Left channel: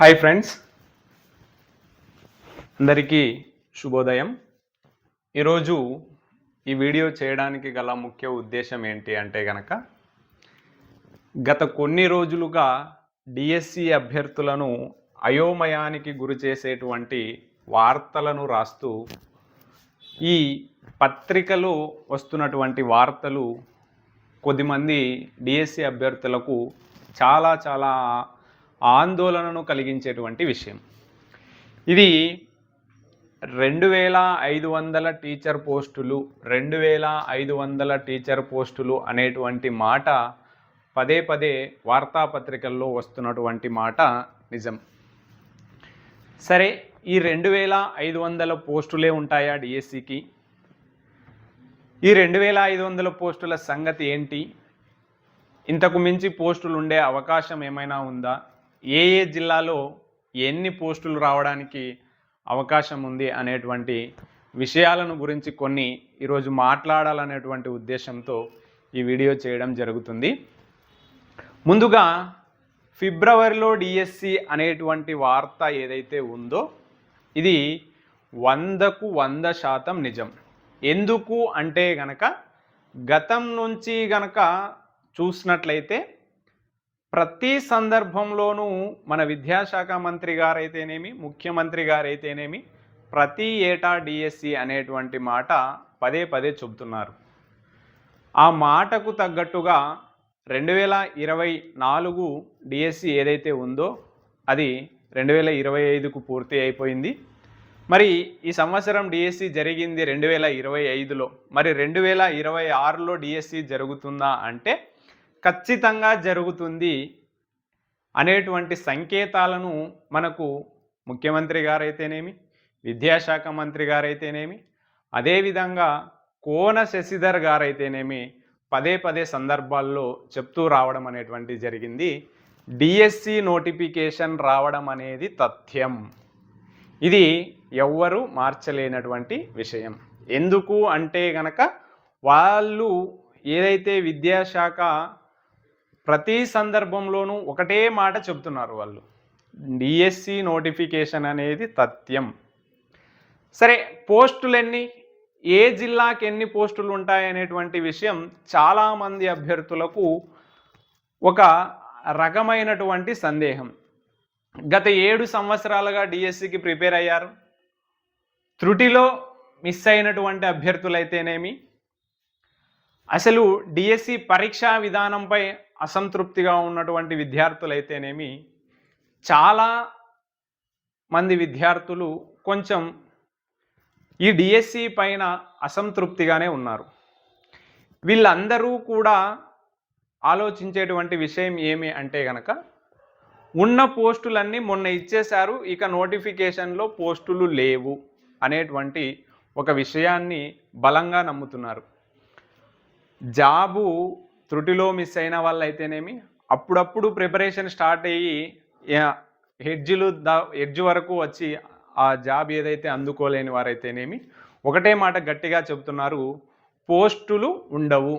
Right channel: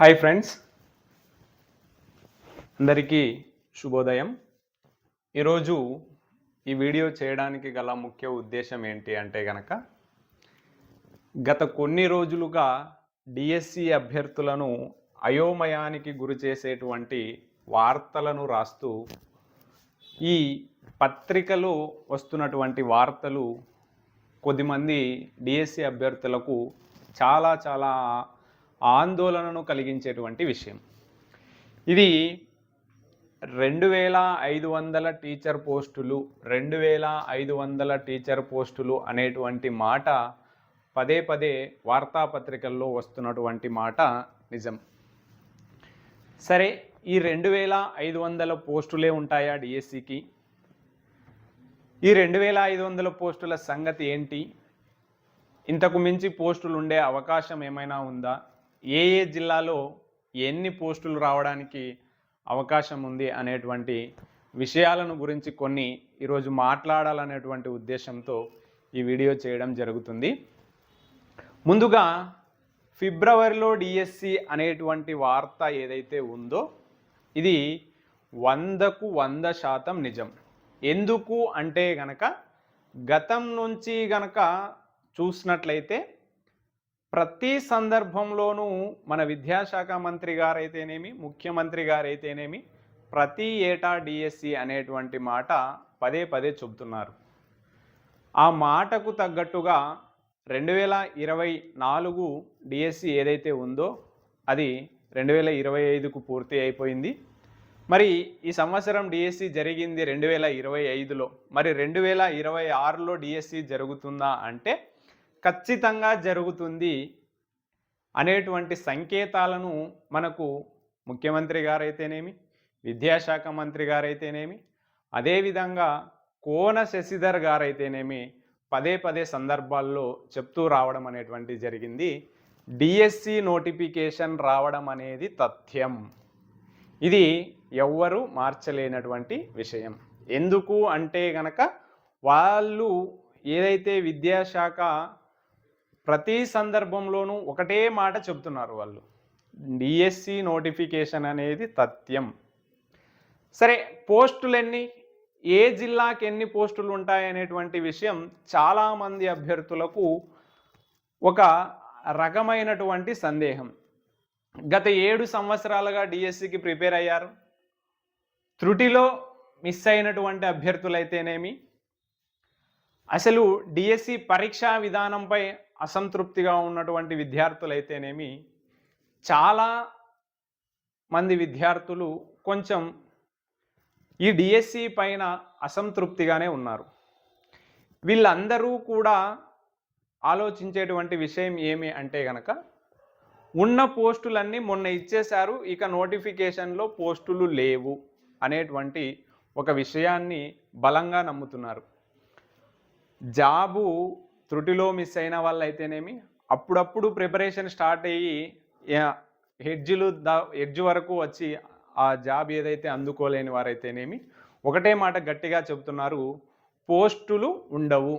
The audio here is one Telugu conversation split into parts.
Hi friends. అందరికీ శుభోదయం. ఈరోజు ఈ వీడియో చేయడానికి గల ముఖ్య ఉద్దేశం ఏంటి అంటే గనక గత కొన్ని రోజులుగా డిఎస్సి అభ్యర్థులను అయోమయానికి గురి చేసేటువంటి వార్తలను రాస్తూ ఈ పత్రికలో వస్తున్నటువంటి వార్తలు కొద్దిమంది డిఎస్సి అభ్యర్థులకు చాలా చాలా ఆందోళనను కలిగించేటువంటి విషయం. ఇది రెండు వేల ఐదు వందల టీచర్ పోస్టులు రెండు వేల ఐదు వందల టీచర్ పోస్టులు అనేటువంటి మాట పదే పదే వార్తాపత్రికల్లో వస్తున్నటువంటి మాట నిజం. సరే ఈ రెండు వేల ఐదు వందల పోస్టులే ఉంటాయా డిఎస్సికి? ఈ రెండు వేల ఐదు వందల పోస్టుల సంగతి ఏంటి? ఇంతకు మించి పోస్టులు ఉండే అవకాశం ఏమైనా ఉందా? ఏ ఏ జిల్లాలో ఎన్ని పోస్టులు రావడానికి అవకాశం ఉంది అనేటువంటి విషయాలను గురించి కొన్ని ఈరోజు మాట్లాడాలనేటువంటి ఉద్దేశంతో ఈ వీడియో చేయడం జరుగుతుంది. ముందుగా ఫిబ్రవరిలో డిఎస్సి అనేటువంటి వార్త ఏదైతే ఉందో ఇది వందకు వంద శాతం నిజం. ఎందుకు అంటే గనక గతం నుంచి గనక చూసినట్లయితే ప్రతి సందర్భంలోనూ మన విద్యాశాఖ మంత్రి గారైతేనేమి ముఖ్యమంత్రి గారైతేనేమి ప్రతి ఏటా డిఎస్సి అనేటువంటి మాట పదే పదే చెబుతున్నారు. ఆ మాటకు తగ్గట్టుగా రెండు వేల ఇరవై నాలుగు డిఎస్సి ఏదైతే ఉందో అది రెండు వేల ఇరవై ఐదుకు పూర్తి అయిపోయింది. మరి ఈ సంవత్సరం డిఎస్సి జరిగింది రెండు వేల ఇరవై ఐదులో. మరి రెండు వేల ఇరవై ఆరులో డిఎస్సి జరుగుతుందా అంటే ఖచ్చితంగా జరుగుతుంది అనేటువంటి సంకేతాలను మనకు ముఖ్యమంత్రి గారైతేనేమి విద్యాశాఖ మంత్రి గారైతేనేమి అదేవిధంగా కోన శశిధర్ గారైతేనేమి పదే పదే సందర్భాల్లో చెప్తూ రావడం అనేటువంటి జరిగింది. డిఎస్సి నోటిఫికేషన్ రావడం అనేది తథ్యం. ఇది ఎవ్వరూ మార్చలేనటువంటి విషయం. ఎందుకు అంటే గనక వాళ్ళు ఏదైతే విద్యాశాఖ ప్రతి సందర్భంలోనూ ఒకటే మాట చెప్తున్నారు వాళ్ళు. డిఎస్సి నోటిఫికేషన్ అనేది తథ్యం. సరే పోస్టులు ఎన్ని ఏ జిల్లాకి ఎన్ని పోస్టులు ఉంటాయనేటువంటి విషయం చాలామంది అభ్యర్థులకు ఒక రకమైనటువంటి సందేహం. గత ఏడు సంవత్సరాలుగా డిఎస్సికి ప్రిపేర్ అయ్యారు. త్రుటిలో మిస్ అయినటువంటి అభ్యర్థులైతేనేమి? అసలు డిఎస్సి పరీక్షా విధానంపై అసంతృప్తిగా ఉన్నటువంటి విద్యార్థులైతేనేమి చాలా మంది విద్యార్థులు కొంచెం ఈ డిఎస్సి పైన అసంతృప్తిగానే ఉన్నారు. వీళ్ళందరూ కూడా ఆలోచించేటువంటి విషయం ఏమి అంటే గనక ఉన్న పోస్టులన్నీ మొన్న ఇచ్చేశారు ఇక నోటిఫికేషన్లో పోస్టులు లేవు అనేటువంటి ఒక విషయాన్ని బలంగా నమ్ముతున్నారు. జాబు త్రుటిలో మిస్ అయిన వాళ్ళైతేనేమి అప్పుడప్పుడు ప్రిపరేషన్ స్టార్ట్ అయ్యి హెడ్జ్లు ద హెడ్జ్ వరకు వచ్చి ఆ జాబ్ ఏదైతే అందుకోలేని వారైతేనేమి ఒకటే మాట గట్టిగా చెబుతున్నారు పోస్టులు ఉండవు.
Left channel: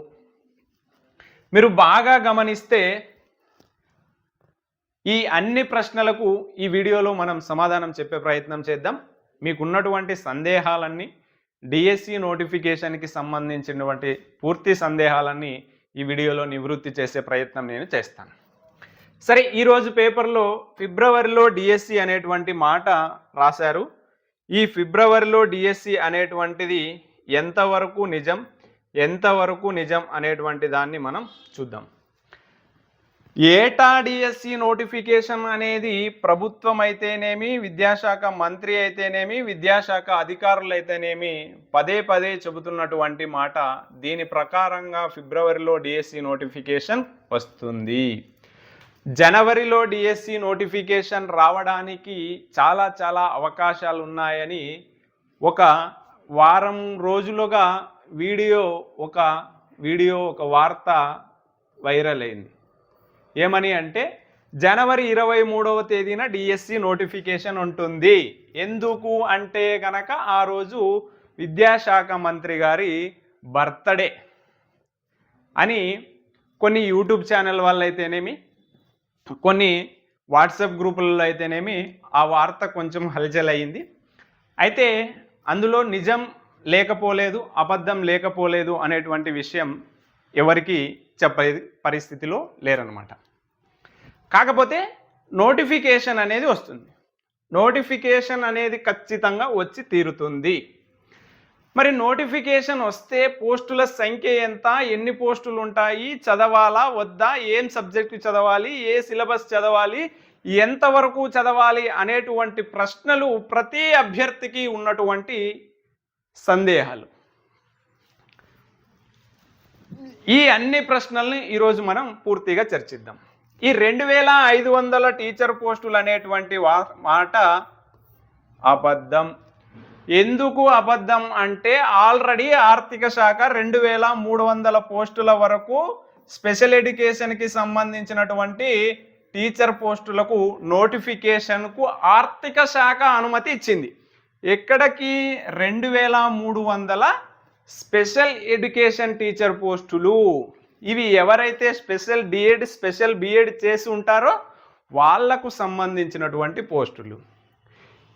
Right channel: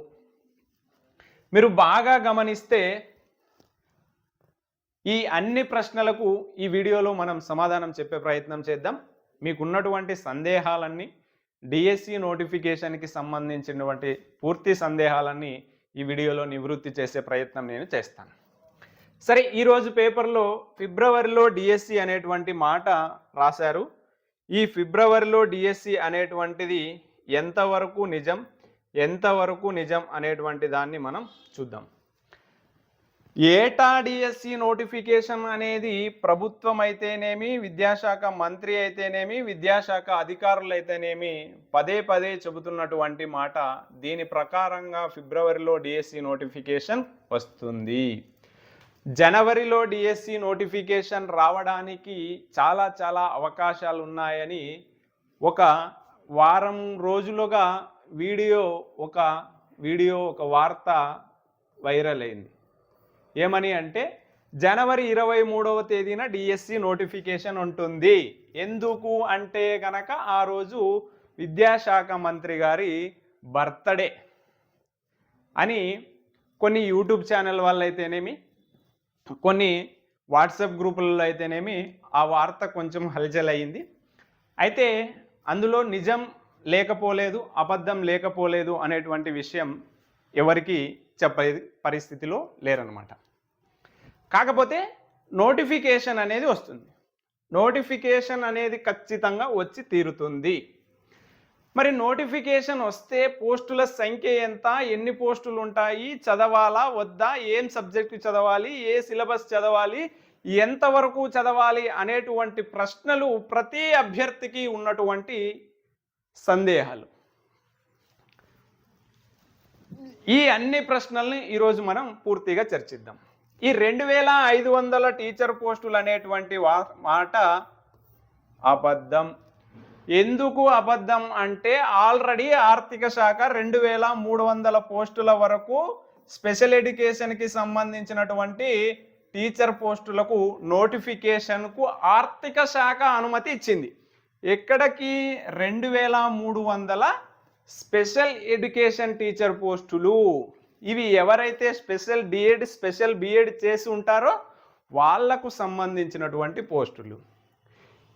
మీరు బాగా గమనిస్తే ఈ అన్ని ప్రశ్నలకు ఈ వీడియోలో మనం సమాధానం చెప్పే ప్రయత్నం చేద్దాం. మీకున్నటువంటి సందేహాలన్నీ డిఎస్సి నోటిఫికేషన్కి సంబంధించినటువంటి పూర్తి సందేహాలన్నీ ఈ వీడియోలో నివృత్తి చేసే ప్రయత్నం నేను చేస్తాను. సరే ఈరోజు పేపర్లో ఫిబ్రవరిలో డిఎస్సి అనేటువంటి మాట రాశారు. ఈ ఫిబ్రవరిలో డిఎస్సి అనేటువంటిది ఎంతవరకు నిజం ఎంతవరకు నిజం అనేటువంటి దాన్ని మనం చూద్దాం. ఏటా డిఎస్సి నోటిఫికేషన్ అనేది ప్రభుత్వం అయితేనేమి విద్యాశాఖ మంత్రి అయితేనేమి విద్యాశాఖ అధికారులు అయితేనేమి పదే పదే చెబుతున్నటువంటి మాట దీని ప్రకారంగా ఫిబ్రవరిలో డిఎస్సి నోటిఫికేషన్ వస్తుంది. జనవరిలో డిఎస్సి నోటిఫికేషన్ రావడానికి చాలా చాలా అవకాశాలు ఉన్నాయని ఒక వారం రోజులుగా వీడియో ఒక వీడియో ఒక వార్త వైరల్ అయింది. ఏమని అంటే జనవరి ఇరవై మూడవ తేదీన డిఎస్సి నోటిఫికేషన్ ఉంటుంది. ఎందుకు అంటే కనుక ఆ రోజు విద్యాశాఖ మంత్రి గారి బర్త్డే అని కొన్ని యూట్యూబ్ ఛానల్ వాళ్ళైతేనేమి కొన్ని వాట్సాప్ గ్రూపులలో అయితేనేమి ఆ వార్త కొంచెం హల్చల్ అయింది అయితే అందులో నిజం లేకపోలేదు అబద్ధం లేకపోలేదు అనేటువంటి విషయం ఎవరికి చెప్పే పరిస్థితిలో లేరనమాట కాకపోతే నోటిఫికేషన్ అనేది వస్తుంది. నోటిఫికేషన్ అనేది ఖచ్చితంగా వచ్చి తీరుతుంది. మరి నోటిఫికేషన్ వస్తే పోస్టుల సంఖ్య ఎంత ఎన్ని పోస్టులు ఉంటాయి చదవాలా వద్దా ఏం సబ్జెక్టు చదవాలి ఏ సిలబస్ చదవాలి ఎంతవరకు చదవాలి అనేటువంటి ప్రశ్నలు ప్రతి అభ్యర్థికి ఉన్నటువంటి సందేహాలు. ఈ అన్ని ప్రశ్నల్ని ఈరోజు మనం పూర్తిగా చర్చిద్దాం. ఈ రెండు వేల ఐదు వందల టీచర్ పోస్టులు అనేటువంటి వా మాట అబద్ధం. ఎందుకు అబద్ధం అంటే ఆల్రెడీ ఆర్థిక శాఖ రెండు వేల మూడు వందల పోస్టుల వరకు స్పెషల్ ఎడ్యుకేషన్కి సంబంధించినటువంటి టీచర్ పోస్టులకు నోటిఫికేషన్కు ఆర్థిక శాఖ అనుమతి ఇచ్చింది. ఎక్కడికి? రెండు వేల మూడు వందల స్పెషల్ ఎడ్యుకేషన్ టీచర్ పోస్టులు. ఇవి ఎవరైతే స్పెషల్ డిఎడ్ స్పెషల్ బిఎడ్ చేసి ఉంటారో వాళ్ళకు సంబంధించినటువంటి పోస్టులు.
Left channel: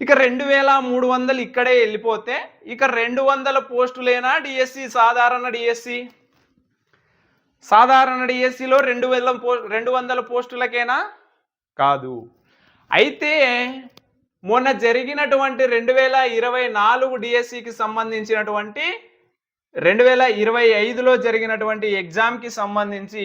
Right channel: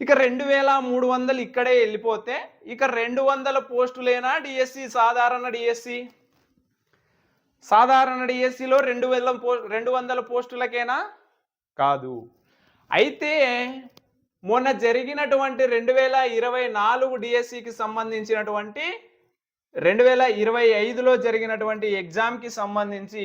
ఇక రెండు వేల మూడు వందలు ఇక్కడే వెళ్ళిపోతే ఇక రెండు వందల పోస్టులేనా డిఎస్సి? సాధారణ డిఎస్సి. సాధారణ డిఎస్సిలో రెండు వేల పో రెండు వందల పోస్టులకేనా? కాదు. అయితే మొన్న జరిగినటువంటి రెండు వేల ఇరవై నాలుగు డిఎస్సికి సంబంధించినటువంటి రెండు వేల ఇరవై ఐదులో జరిగినటువంటి ఎగ్జామ్కి సంబంధించి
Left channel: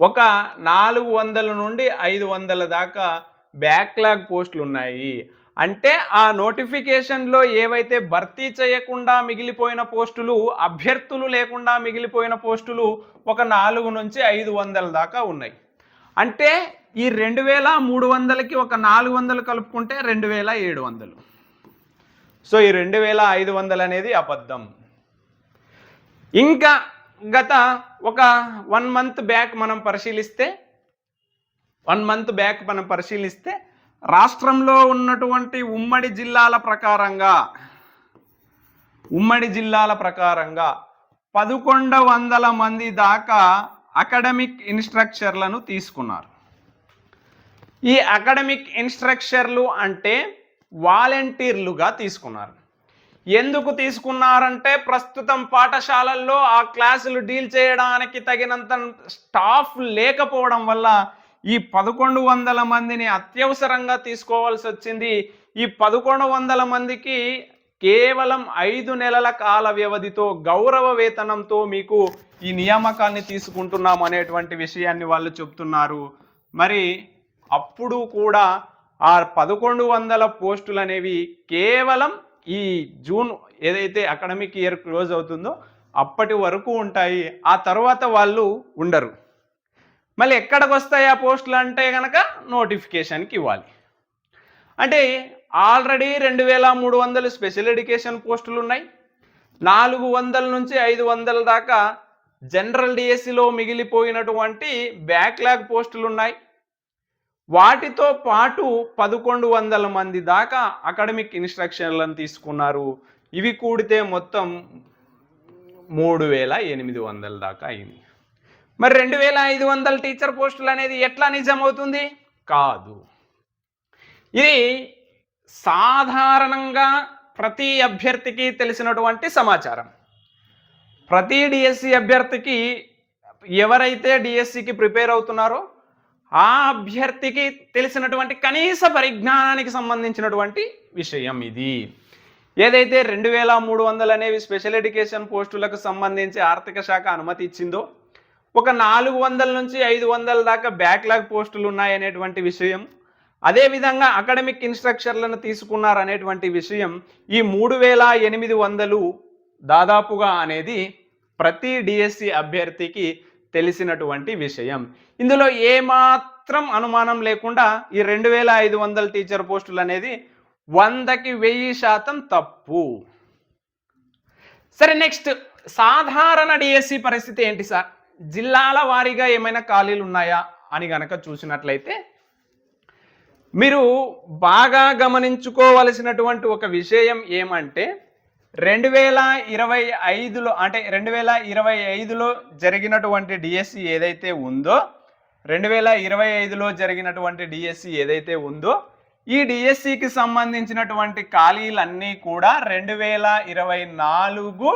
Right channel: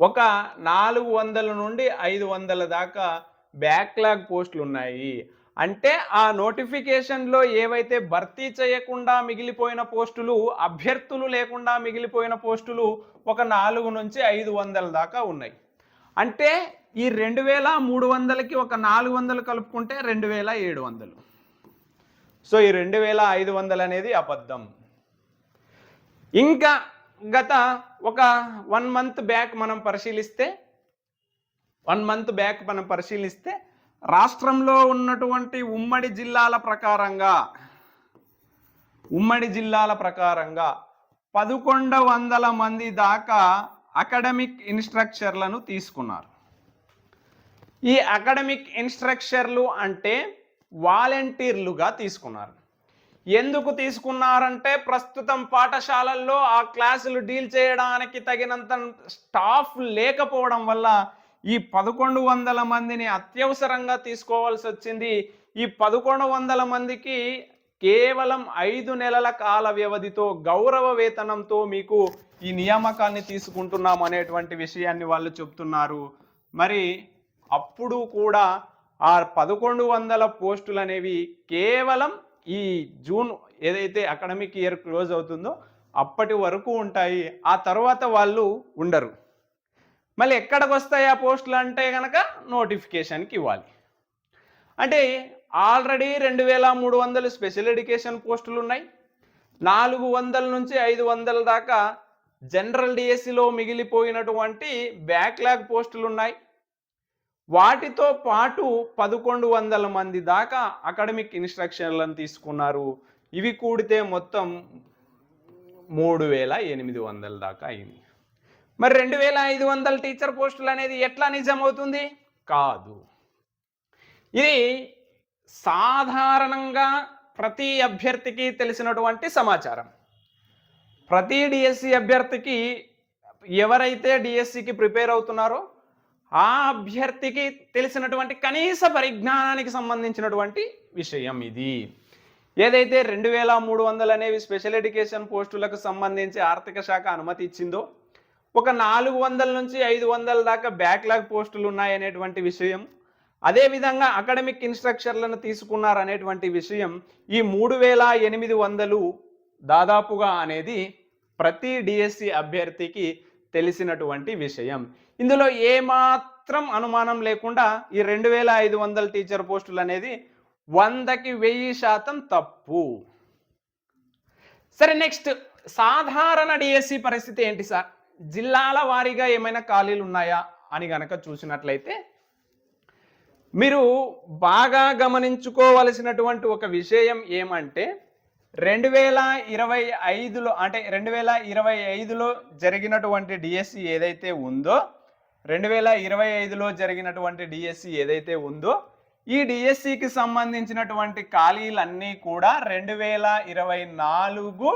ఒక నాలుగు వందల నుండి ఐదు వందల దాకా బ్యాక్లాగ్ పోస్టులు ఉన్నాయి. అంటే ఆ నోటిఫికేషన్లో ఏవైతే భర్తీ చేయకుండా మిగిలిపోయిన పోస్టులు అభ్యర్థులు లేకుండా మిగిలిపోయిన పోస్టులు ఒక నాలుగు నుంచి ఐదు వందల దాకా ఉన్నాయి. అంటే ఈ రెండు వేల మూడు వందలకి ఒక నాలుగు వందలు కలుపుకుంటే రెండు వేల ఏడు వందలు. సో ఈ రెండు వేల ఐదు వందలు అనేది అబద్ధం. ఇంకా గత ఒక వన్ మంత్ బ్యాక్ మనం పరిశీలిస్తే వన్ మంత్ బ్యాక్ మనం పరిశీలిస్తే రాష్ట్రంలో ఉన్నటువంటి ఉమ్మడి జిల్లాల ప్రకారంగా ఉమ్మడి జిల్లాల ప్రకారంగా పదకొండు వందల మంది దాకా అకాడమిక్ ఇన్స్ట్రక్చర్లను తీసుకున్నారు. ఈ అకాడమిక్ ఇన్స్ట్రక్చర్లు అంటే వాలంటీర్లుగా తీసుకున్నారు. ఎందుకు తీసుకున్నారంటే ప్రస్తుతం పాఠశాలల్లో ఆ క్లాసులు డీల్ చేయడానికి తగినంత స్టాఫ్ లేకపోవడం వల్ల ఈ పదకొండు వందల మందిని అత్యవసరంగా తీసుకోవాల్సి వచ్చింది. ఈ పదకొండు వందల మందికి కేవలం ఐదు నెలల కాల వ్యవధితో గౌరవ వేతనంతో మీకు ఈ నియామకాన్ని తీసుకుంటున్నాం అనేటువంటి విషయాన్ని వాళ్ళు చెప్తున్నారు. మరి అప్పుడు కూడా ఆ పదకొండు వందల పోస్టులు అనేవి కేవలం ఈ జూన్ ఏదైతే అకాడమిక్ ఇయర్ క్లోజ్ అవుతుందో అప్పటి వరకు ఉంటాయి. ఆ తర్వాత వాళ్ళు ఉండరు. మళ్ళీ ఎక్కడికి వస్తాయి ఆ పోస్టులు అంటే కనుక నోటిఫికేషన్కి ఇవ్వాలి. అంటే ఆల్రెడీ రెండు వేల మూడు వందలు స్పెషల్ ఎడ్యుకేషన్ పోస్టులు ఉన్నాయి. నాలుగు వందల నుంచి ఐదు వందల దాకా జనరల్ డిఎస్సిలో మిగిలిపోయినటువంటి బ్యాక్లాగ్ పోస్టులు ఉన్నాయి. వాటితో పాటు పదకొండు వందల మంది దాకా అకాడమిక్ ఇన్స్ట్రక్షన్లను తీసుకున్నారు. ఇవి కూడితే మొత్తం మూడు వేల ఎనిమిది వందల దాకా అయింది. మరి రెండు వేల ఐదు వందల టీచర్ పోస్టులు అనేది ఎట్లా నిజమవుతుంది? కాదు. ఇది సాధారణంగా ప్రతి అభ్యర్థికి తెలిసినటువంటి సమాచారం. ప్రతి డిఎస్సి అభ్యర్థికి ఎవరైతే డిఎస్సికి ప్రిపేర్ అవుతున్నారో ఆ అభ్యర్థికి తెలిసినటువంటి కనీస పరిజ్ఞానానికి సంబంధించినటువంటి విషయం ఇది. ఏదైతే రెండు వేల మూడు వందలు అనేవి స్పెషల్ ఎడ్యుకేషన్ పోస్టులకు సంబంధించి ఆర్థిక శాఖ అనుమతి ఇచ్చిందో ఒక నాలుగు వందల నుంచి ఐదు వందల దాకా బ్యాక్లాగ్ పోస్టులు ఉన్నాయనేటువంటి విషయం అదేవిధంగా అకాడమిక్ ఇన్స్ట్రక్చర్లను తీసుకున్నారు అనేటువంటి విషయం ఈ మూడు వేల ఎనిమిది వందలు దాదాపుగా అనేది ప్రతి డిఎస్సి అభ్యర్థికి తెలిసినటువంటి విషయం. ఇందులో ఏమాత్రం అనుమానం లేకుండా ఈ రెండు వేల ఐదు వందల టీచర్ పోస్టులు అనేది వందకి వెయ్యి శాతం తప్పు. సరే నెక్స్ట్ సాధారణ డిఎస్సి పరిస్థితి ఏంటి సార్? జిల్లాల వారీగా ఏమైనా ఖాళీలు ఉన్నాయా అని గనక చూసినట్లయితే మీరు బాగా గమనించుకోవలసినటువంటి ఒక విషయం ఏమంటే రెండు వేల ఇరవై ఐదులో అంటే రెండు వేల ఇరవై ఐదులో జరిగినటువంటి డిఎస్సి ఏదైతే ఉందో రెండు వేల ఇరవై ఐదులో జరిగినటువంటి డిఎస్సి ఏదైతే ఉందో ఈ డిఎస్సికి సంబంధించినటువంటి ఖాళీలన్నీ కూడా రెండు వేల ఇరవై నాలుగు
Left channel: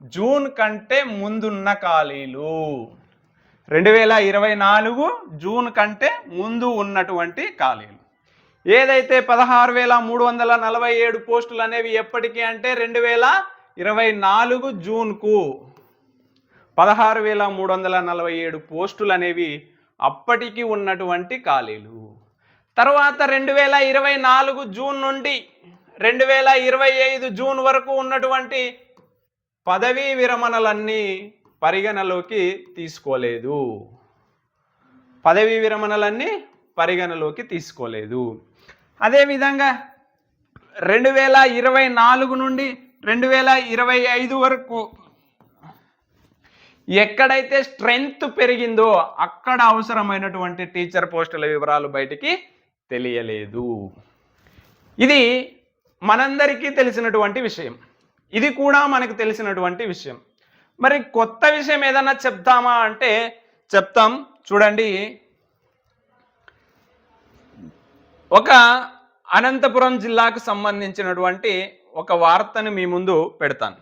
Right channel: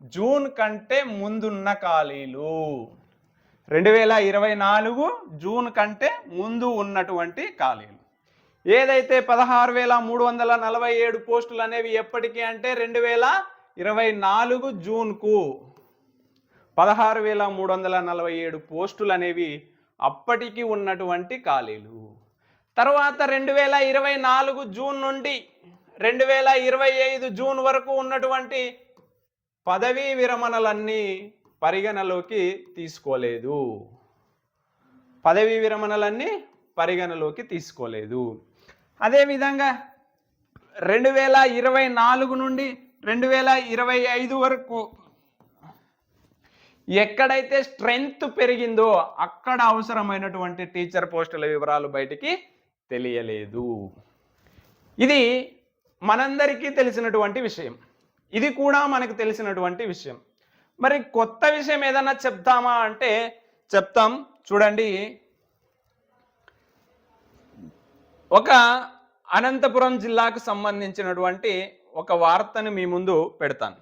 జూన్ కంటే ముందున్న ఖాళీలు. రెండు వేల ఇరవై నాలుగు జూన్ కంటే ముందు ఉన్నటువంటి ఖాళీలు. ఏదైతే పదహారు వేల మూడు వందల నలభై ఏడు పోస్టులు అనేవి ఎప్పటికీ అంటే రెండు వేల ఇరవై నాలుగు జూన్కు. పదహారు వేల మూడు వందల నలభై ఏడు పోస్టులు అనేవి అప్పటికి ఉన్నటువంటి ఖాళీలు. తర్వాత రెండు వేల ఇరవై నాలుగు జూన్ నుండి రెండు వేల ఇరవై ఐదు జూన్ వరకు ఉన్నటువంటి పదవీ విరమణలన్నీ పరిగణలోకి తీసుకోలేదు. పదవీ విరమణలన్నీ పరిగణలోకి తీసుకోలేదు. అదేవిధంగా రెండు వేల ఇరవై నాలుగు నుండి రెండు వేల ఇరవై ఐదు వరకు ఎక్కడైతే స్ట్రెంగ్త్ పెరిగిందో అక్కడ అవసరమైనటువంటి టీచర్ పోస్టుల వివరాలు బయటికి తెలియలేదు. ఇది మనందరికీ తెలిసినటువంటి విషయం. ఇది కూడా మనకు తెలిసినటువంటి విషయం. మరి కొత్త విషయం ఏదన్నా చెప్తామా అంటే చెప్తాం. చూడండి ఒక అనంతపురం జిల్లాకు సంబంధించినటువంటి ఒక వార్తను మీ ముందు పెడతాను.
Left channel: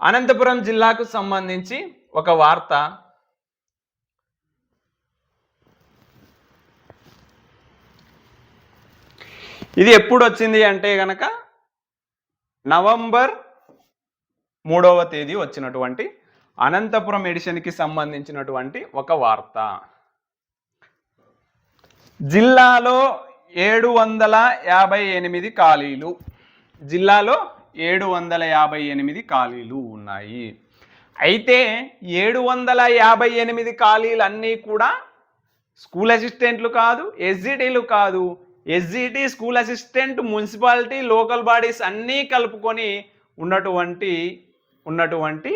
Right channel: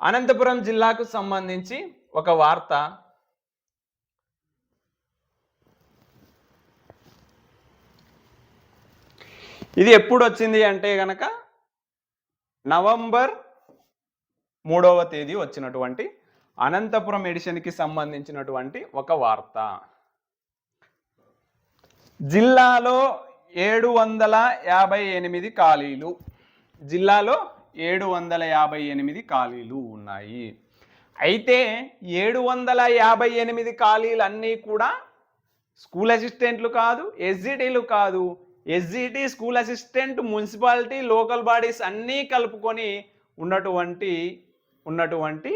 అనంతపురం జిల్లాకు సంబంధించి ఒక వార్త. ఇది ఎప్పుడు వచ్చింది అంటే గనక నవంబర్ మూడవ తేదీ వచ్చినటువంటి అనంతపురం ఎడిషన్కి సంబంధించినటువంటి ఒక వార్త. జిల్లాలో ఏడు వందల యాభై ఎనిమిది ఖాళీలు. జిల్లాలో ఏడు వందల యాభై ఎనిమిది ఖాళీలు ఉన్నాయి. అయితే ఏడు వందల యాభై ఎనిమిది ఖాళీలు అన్నీ కూడా స్కూల్ అసిస్టెంట్లు కాదు ఎస్జిటీలు కాదు. SGT school assistant municipality local bodies అన్నీ కలుపుకొని ఉన్నటువంటి ఉన్నటువంటి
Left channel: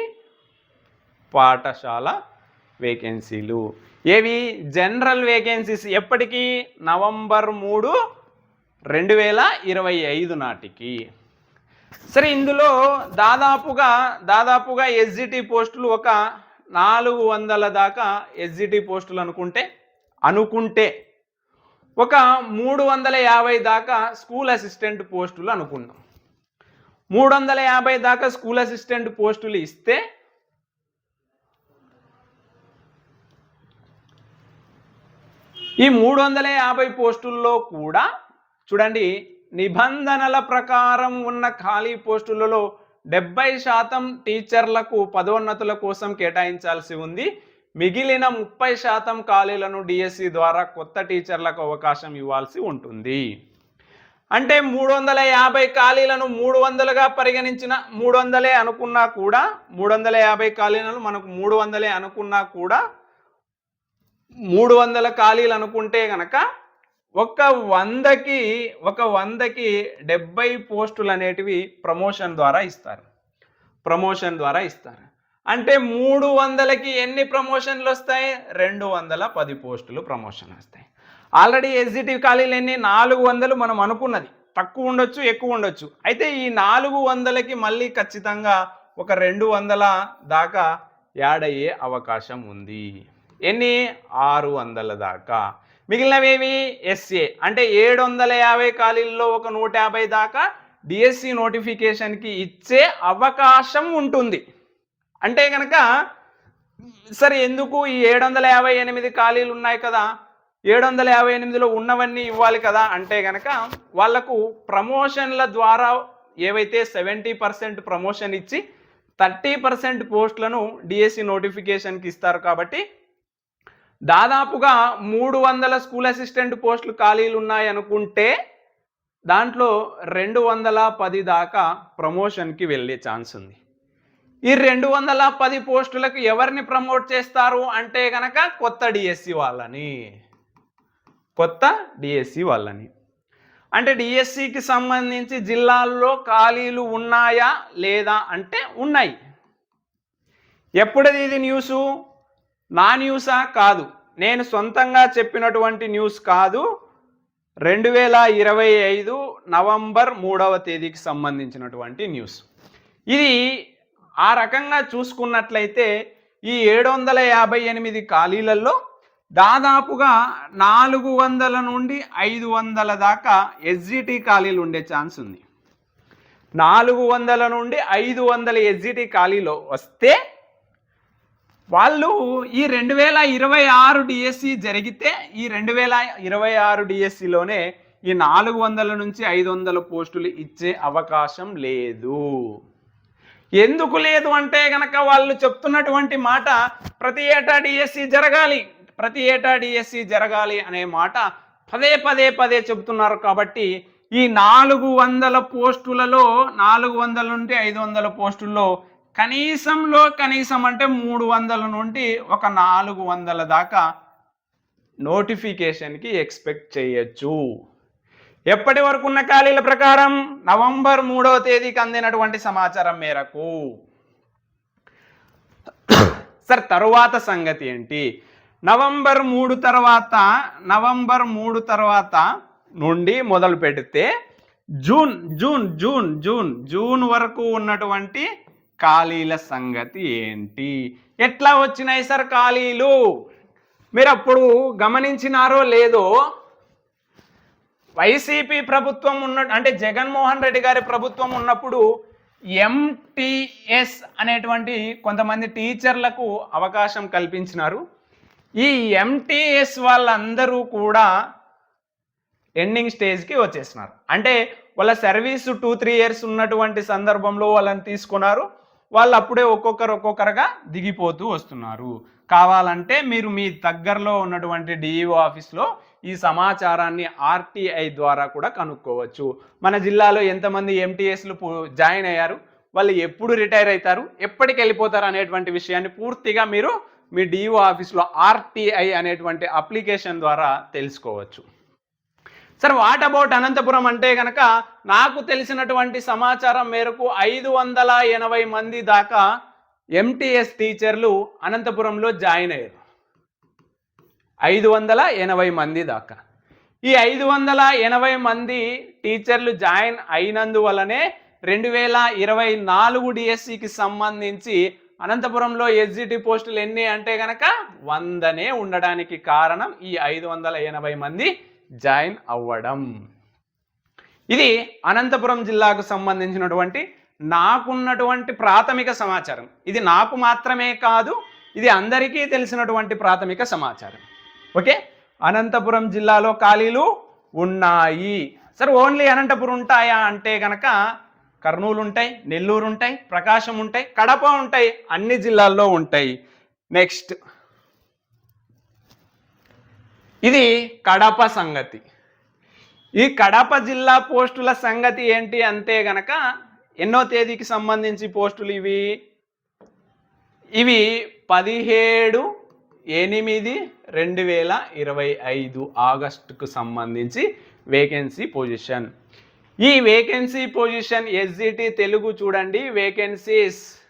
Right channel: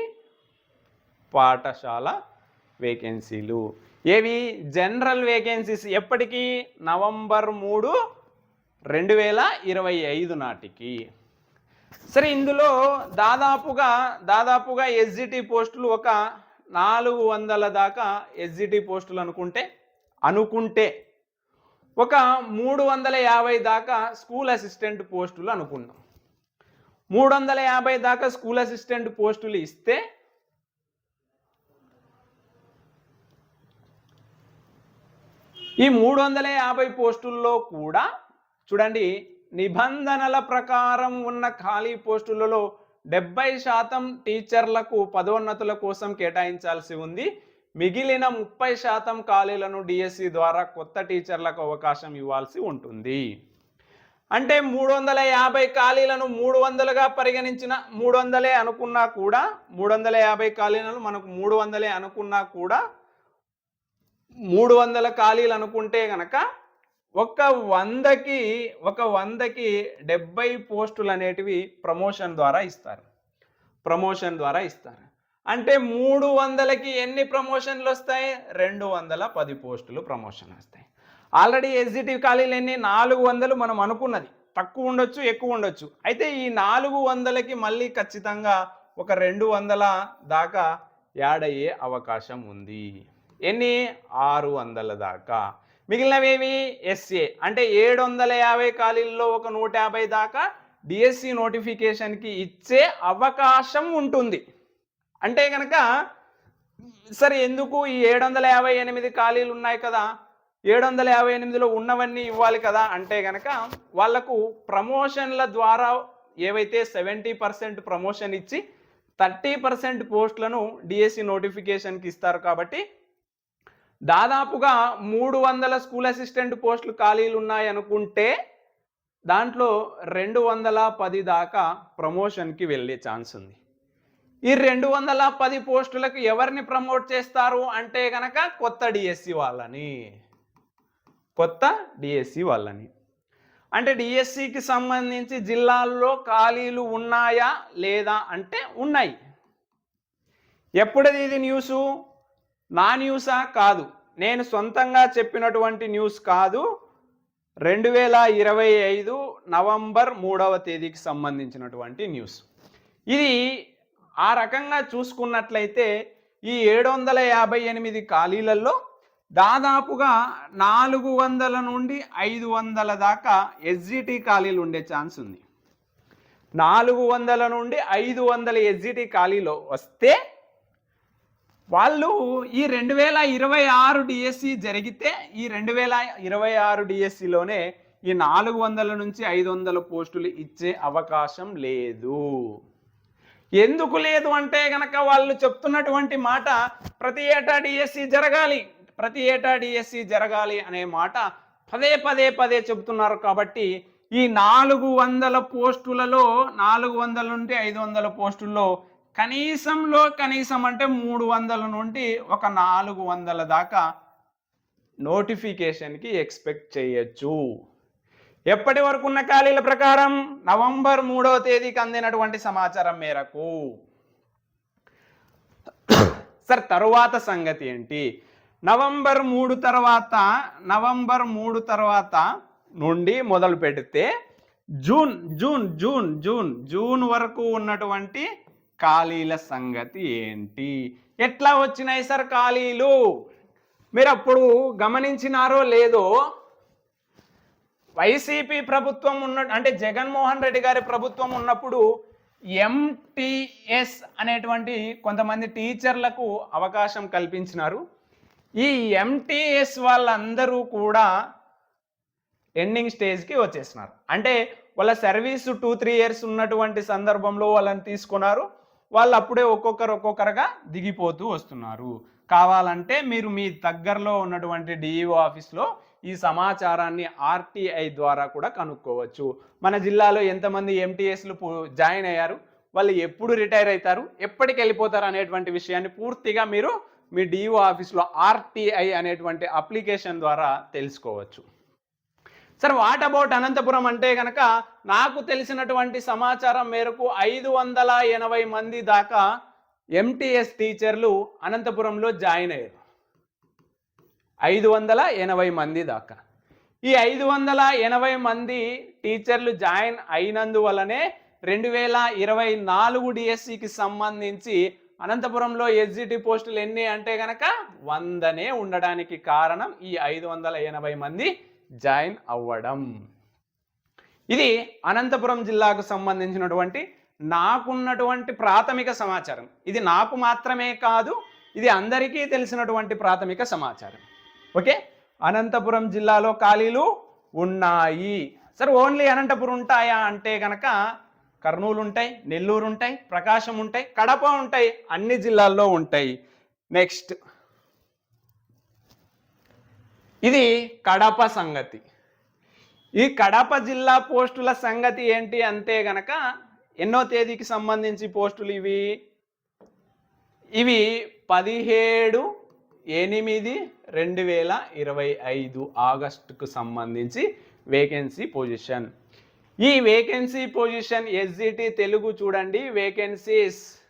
పాఠశాల వేకెన్సీలు ఏవి? జనరల్ వేకెన్సీస్ ఎప్పటికీ? నవంబర్ మూడు రెండు వేల ఇరవై ఐదు నాటికి. సరే ఇందులో దాదాపుగా దాదాపుగా ఎస్జిటి పోస్టులు ఒక నాలుగు వందల దాకా ఎస్జిటి పోస్టులు అనుకుంటే అనుకుంటే ఒక మూడు వందల యాభై దాకా స్కూల్ అసిస్టెంట్ పోస్టులు అనుకున్నాం మూడు వందల యాభై దాకా స్కూల్ అసిస్టెంట్ పోస్టులు ఇస్తే ఈ మూడు వందల యాభై పోస్టుల్లో కూడా చూడండి నిబంధనల ప్రకారం ఉన్న ఖాళీ పోస్టులలో డెబ్బై శాతం టీచర్లకు పదోన్నతుల కోసం కేటాయించాల్సి ఉంది. మిగిలిన ముప్పై శాతం ఖాళీలను డిఎస్సి ద్వారా కొత్త టీచర్లకు అవకాశం ఇవ్వాల్సి ఉంటుంది. అంటే మూడు వందల యాభై ఖాళీలను మూడు వందలుగా పరిగణించిన మూడు వందలే అనుకున్నా కూడా మూడు వందల యాభై ఖాళీలను మనకు మూడు వందలే అనుకున్నా కూడా మూడు వందల ఖాళీలు అనుకుంటే గనక ఒక వందకి ఒక వందకి డెబ్బై పోస్టులు అనేటివి ప్రమోషన్ ద్వారా ఇస్తారు. ప్రమోషన్ ద్వారా ఇస్తారు. అంటే మూడు వందలకి ఎన్ని ప్రమోషన్లు వస్తాయి? రెండు వందల పది పోస్టులు ప్రమోషన్ వస్తాయి. ఆల్రెడీ ఎస్జిటి ఖాళీలు ఎన్ని? నాలుగు వందలు మనం అనుకున్నది. తక్కువ ఉండొచ్చు ఎక్కువ ఉండొచ్చు. అయితే ఈ నాలుగు వందలకి మళ్ళీ ఖచ్చితంగా ఒక రెండు వందల దాకా యాడ్ అయ్యే అవకాశం ఉంది. ఎన్ని? ఆరు వందల దాకా. మిగిలినవేవి? ఎస్ఏ. అంటే ఏడు వందల యాభై ఖాళీల్లో ఒక నూట యాభై దాకా డిఎస్సి నోటిఫికేషన్కి ఇచ్చే అవకాశం ఉంటుంది. అంటే కనుక సరే ఎందుకు ఈ ఏడు వందల యాభై ఎనిమిది ఖాళీలు ఉన్నాయి కదా? ఏడు వందల యాభై ఎనిమిదిలో ఉన్నవన్నీ ఇవ్వాలి కదా? అంటే కనుక వాళ్ళకు ప్రమోషన్ల ద్వారా ఏవైతే సెవెంటీ పర్సెంట్ ప్రమోషన్ ఇచ్చి థర్టీ పర్సెంట్ పోస్టులను డిఎస్సి నోటిఫికేషన్కి ఇస్తారు కాబట్టి దాదాపుగా మూడు వందల స్కూల్ అసిస్టెంట్ పోస్టులు ఖాళీలు ఉన్నాయి అనుకుంటే దాంట్లో రెండు వందల పది దాకా ప్రమోషన్కి వెళ్ళే ఛాన్స్ ఉంది. ఈ రెండు వందల పది పోస్టులకు ఎవరిని ప్రమోట్ చేస్తారు అంటే కనుక కొత్త డిఎస్సి వాళ్ళని. కొత్త డిఎస్సి వాళ్ళని. అంటే డిఎస్సికి సంబంధించి జిల్లాల్లో ఖాళీలు ఉన్నాయా లేదా అంటే ఉన్నాయి. ఎప్పుడది ఇది న్యూసు? నా న్యూసా కాదు. నేను సొంతంగా చెప్పినటువంటి న్యూస్ కాదు. రెండు వేల ఇరవై ఐదు నవంబర్ మూడవ తేదీకి సంబంధించినటువంటి న్యూస్. ఇది ఆ రకంగా చూసుకున్నట్లయితే ఈ ఏడు వందల యాభై ఎనిమిది ఖాళీలలో దాదాపుగా నాలుగు వందల నుండి ఐదు వందల దాకా ఎస్జిటి ఖాళీలు ఉండే ఛాన్స్ ఉంది. నాలుగు వందల నుండి ఐదు వందల ఎస్జిటి ఖాళీలో వస్తే వాళ్ళు ఈ రెండు వేల ఇరవై ఆరు డిఎస్సి జరిగితే ఈ రెండు వేల ఇరవై ఆరు డిఎస్సిలోనే ఈ నాలుగు వందల నుంచి ఐదు వందల పోస్టులు ఇచ్చే అవకాశం లేదు. ఎందుకు లేదు అంటే గనక వాళ్ళు చెప్తున్నటువంటి మాట ప్రతి ఏటా డిఎస్సి జరగాలి ప్రతి ఏటా డిఎస్సి జరగాలి అనే మాట పదే పదే పదే చెబుతున్నారు కాబట్టి ఈ నాలుగు వందల పోస్టులలో నాలుగు వందల నుండి ఐదు వందల పోస్టుల్లో కనీసంలో కనీసం అంటే మూడు వందల నుండి ఒక నాలుగు వందల దాకా నోటిఫికేషన్కి ఎక్స్పెక్ట్ చేయొచ్చు. ఎప్పటి వరకు ఉన్న ఖాళీల ప్రకారం? నవంబర్ మూడవ తేదీకి అందినటువంటి సమాచారం మేరకు. సార్ తరువాత సంగతి ఏంటి? నవంబర్ మూడు తర్వాత నవంబర్ మూడు తర్వాత నుండి మొదలు పెడితే June June June June June వరకు ఉన్నటువంటి ఖాళీల సంగతి ఏంటి? ఎట్లా వచ్చినాయి సార్ ఖాళీలు? మీరు అప్పుడు గమనించినారో లేదో? వైసీపీ ప్రభుత్వం ఉన్న అంటే జగన్మోహన్ రెడ్డి గారి ప్రభుత్వం ఉన్నప్పుడు ఎంటీఎస్ అనేటువంటి కొంతమంది టీచర్లకు అవకాశం కల్పించినారు. ఈ ఎంటీఎస్ వాళ్ళందరూ కూడా ఎండింగ్ స్టేజ్కి వచ్చేసినారు. అంటే వాళ్ళ సర్వీస్ టూ త్రీ ఇయర్స్ ఉన్నటువంటి సందర్భంలో వాళ్ళని తీసుకున్నారు. వాళ్ళు అప్పుడే ఒక్కొక్కరు ఒక్కొక్కరుగా దిగిపోతూ వస్తున్నారు. కావాలంటే మీరు మీ దగ్గరలో ఉన్నటువంటి డిఈఓ ఆఫీస్లో ఈ సమాచారాన్ని ఆర్టీఐ ద్వారా కూడా కనుక్కోవచ్చు. మన జిల్లాలో ఎంతమంది ఎంటీఎస్లు జాయిన్ అయ్యారు? వాళ్ళు ఎప్పుడు రిటైర్ అవుతారు ఎప్పటికి వెళ్ళిపోతారు అనేటువంటి విషయాన్ని పూర్తిగా మీరు మీ డిఓ ఆఫీస్లో ఆర్టీఐ అనేటువంటి అప్లికేషన్ ద్వారా తెలుసుకోవచ్చు. సార్ వాట్ అబౌట్ అనంతపురం అంటే కనుక నాకు తెలిసినటువంటి సమాచారం మేరకు ఐదు వందల ఎనభై మంది దాకా ఎంటీఎస్ టీచర్లు అనంతపురంలో జాయిన్ అయ్యారు. ఐదు వందల ఎనభై మంది దాకా. ఈ ఐదు వందల ఎనభై మంది టీచర్లు జాయిన్ అయినందువలనే రెండు వేల ఇరవై నాలుగు డిఎస్సికి సంబంధించి అనంతపురంలో ఎస్జిటి పోస్టులు ఎన్ని అంటే కనుక వందనే ఉండడానికి కారణం ఈ ఐదు వందల ఎనభై మంది జాయిన్ అవ్వడం. ఇది అనంతపురం జిల్లాకు సంబంధించినటువంటి నాకున్నటువంటి ప్రాథమిక సమాచారం. ఇది నాకు మాత్రమే కాదు ఇది అందరికీ తెలిసినటువంటి ప్రాథమిక సమాచారం. ఓకే? అనంతపురం జిల్లాలో ఖాళీలు ఉన్నాయి. సార్ ఓన్లీ అనంతపురం ఉంటాయా అంటే గనక కర్నూలు ఉంటాయి నెల్లూరు ఉంటాయి ప్రకాశం ఉంటాయి కడప ఉంటాయి అన్ని జిల్లాల్లో ఉంటాయి. నెక్స్ట్ ఇది కడప సంగతి. ఈ కడప జిల్లా పోస్టుల సంగతి ఏంటి అంతే గనక ఎన్నో తేదీకి సంబంధించి పోస్టులు ఇవి? ఇవి పదిహేడు ఎనిమిది రెండు వేల ఇరవై ఐదు ఆగస్టుకు సంబంధించి వేకెన్సీ పొజిషన్. ఈ వేకెన్సీ పొజిషన్ ఎస్జిటి తెలుగు చూడండి. Vacancies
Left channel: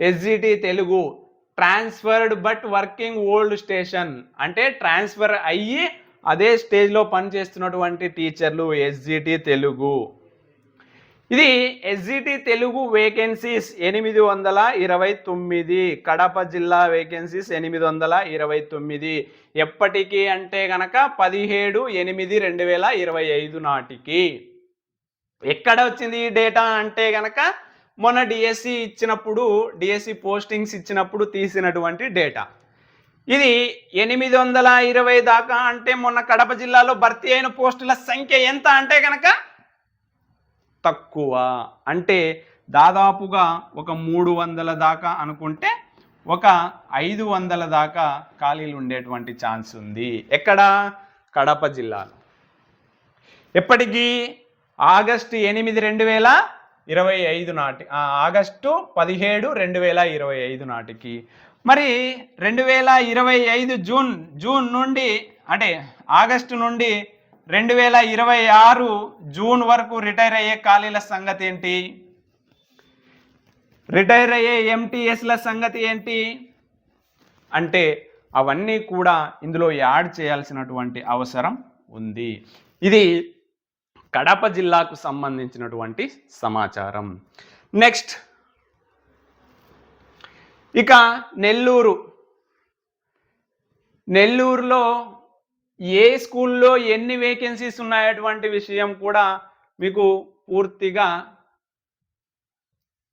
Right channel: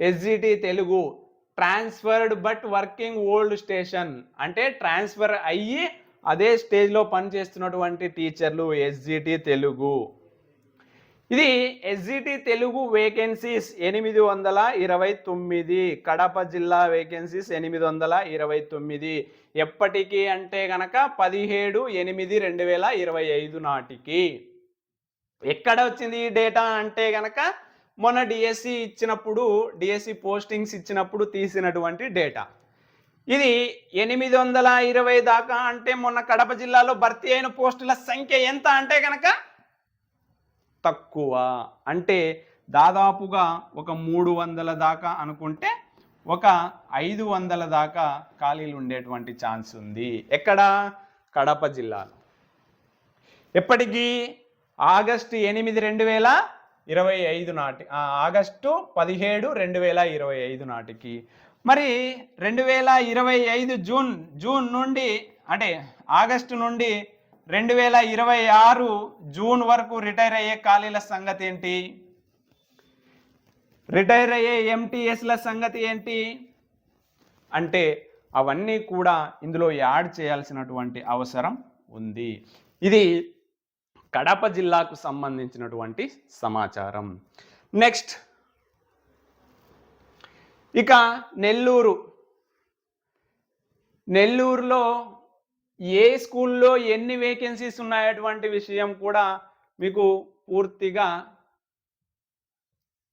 SGT Telugu transferred but working old station. అంటే ట్రాన్స్ఫర్ అయ్యి అదే స్టేజ్లో పనిచేస్తున్నటువంటి టీచర్లు ఎస్జిటి తెలుగు. ఇది ఎస్జిటి తెలుగు వేకెన్సీస్ ఎనిమిది వందల ఇరవై తొమ్మిది కడప జిల్లా వేకెన్సీస్ ఎనిమిది వందల ఇరవై తొమ్మిది. ఎప్పటికి అంటే గనక పదిహేడు ఎనిమిది రెండు వేల ఇరవై ఐదు నాటికి. ఎక్కడ వచ్చింది ఈ డేటా అంటే గనక మొన్న డిఎస్సి ఇచ్చినప్పుడు డిఎస్సి పోస్టింగ్స్ ఇచ్చినప్పుడు తీసినటువంటి డేటా ఇది ఎనిమిది వందల ఇరవై దాకా అంటే మొన్న కడప జిల్లాలో భర్తీ అయిన పోస్టుల సంఖ్య ఎంత అంటే కనుక తక్కువ. అంటే దాదాపుగా ఒక మూడు వందల దాకా అనుకుంటే ఒక ఐదు వందల దాకా ఖాళీలు ఉండేటువంటి ఛాన్స్ ఉంది. ఎక్కడ? కడప జిల్లాలో. ఎప్పటికీ? ఆగస్టు ఎనిమిది రెండు వేల ఇరవై ఐదు నాటి ఆగస్టు పదిహేడు రెండు వేల ఇరవై ఐదు నాటికి. మరి రెండు వేల ఇరవై ఐదు జూన్ జూన్ నుండి అంటే ఆగస్టు నుండి రెండు వేల ఇరవై ఆరు జూన్ వరకు రిటైర్ అయ్యే ఖాళీల సంగతి ఏంటి? రిటైర్ అయ్యే ఎంటీఎస్ల సంగతి ఏంటి? అంటే అవన్నీ కూడా ఇందులో యాడ్ చేయాల్సినటువంటి అవసరం ఉంది. ఇది కడప జిల్లాకు సంబంధించినటువంటి సమాచారం. నెక్స్ట్ ఇక నెల్లూరు. నెల్లూరులో ఏ స్కూల్లో ఎన్ని వేకెన్సీస్ ఉన్నాయటువంటి విషయం కూడా మీకు పూర్తిగా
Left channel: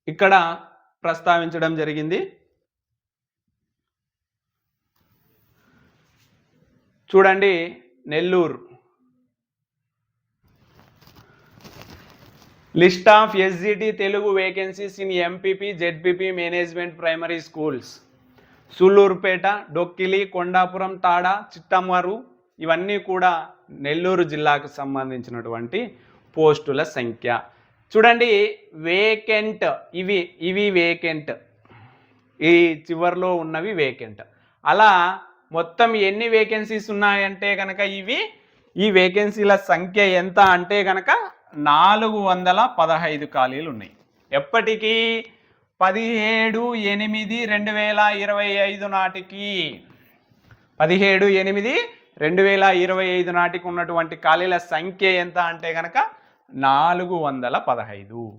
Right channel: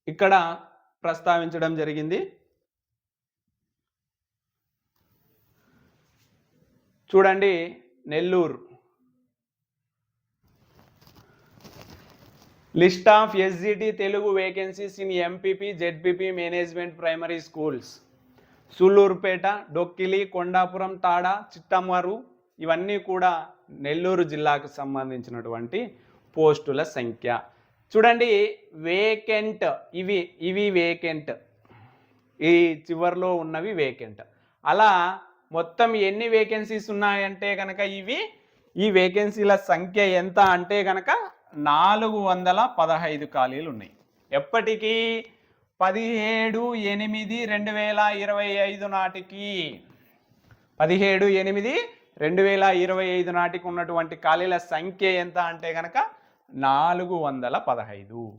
ఇక్కడ ప్రస్తావించడం జరిగింది. చూడండి Nellore. List of SGT Telugu vacancies in MPP ZPP management primary schools. Sullurpeta Dokkili Kondapuram Tada Chittamaru ఇవన్నీ కూడా నెల్లూరు జిల్లాకు సంబంధించినటువంటి పోస్టుల సంఖ్య. చూడండి వేకెంట్ ఇవి ఇవి వేకెంట్. ఈ చివర్లో ఉన్నవి వేకెంట్. అలా మొత్తం ఎన్ని వేకెన్సీస్ ఉన్నాయంటే కనుక ఇవి ఈ వేకెన్సీల సంఖ్య ఎంత అంటే కనుక నాలుగు వందల పదహైదు ఖాళీలు ఉన్నాయి ఎప్పటికీ పదిహేడు ఎనిమిది రెండు వేల ఇరవై ఐదు నాటికి పదిహేడు ఎనిమిది రెండు వేల ఇరవై ఐదు నాటికి ఉన్నటువంటి ఖాళీల సంఖ్య ఎంత అంటే కనుక నాలుగు వందల పదహైదు.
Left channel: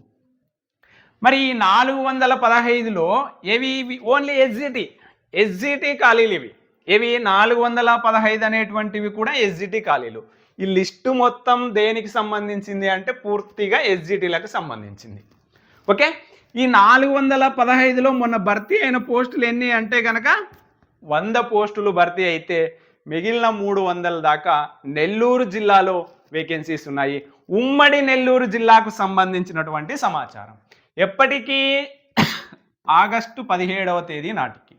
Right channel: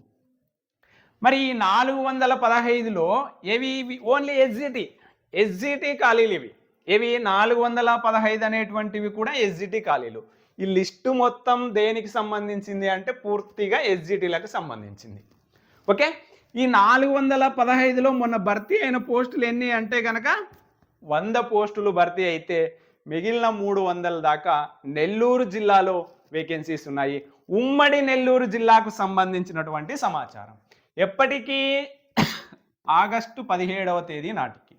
మరి ఈ నాలుగు వందల పదహైదులో ఏవి ఇవి? ఓన్లీ ఎస్జిటి ఎస్జిటి ఖాళీలు ఇవి. ఇవి నాలుగు వందల పదహైదు అనేటువంటివి కూడా ఎస్జిటి ఖాళీలు. ఈ లిస్టు మొత్తం దేనికి సంబంధించింది అంటే పూర్తిగా ఎస్జిటీలకు సంబంధించింది. ఓకే? ఈ నాలుగు వందల పదహైదులో మొన్న భర్తీ అయిన పోస్టులు ఎన్ని అంటే కనుక వంద పోస్టులు భర్తీ అయితే మిగిలిన మూడు వందల దాకా నెల్లూరు జిల్లాలో వేకెన్సీస్ ఉన్నాయి. ఉమ్మడి నెల్లూరు జిల్లాకు సంబంధించినటువంటి సమాచారం. ఎప్పటికీ ఆగస్టు పదిహేడవ తేదీ నాటికి.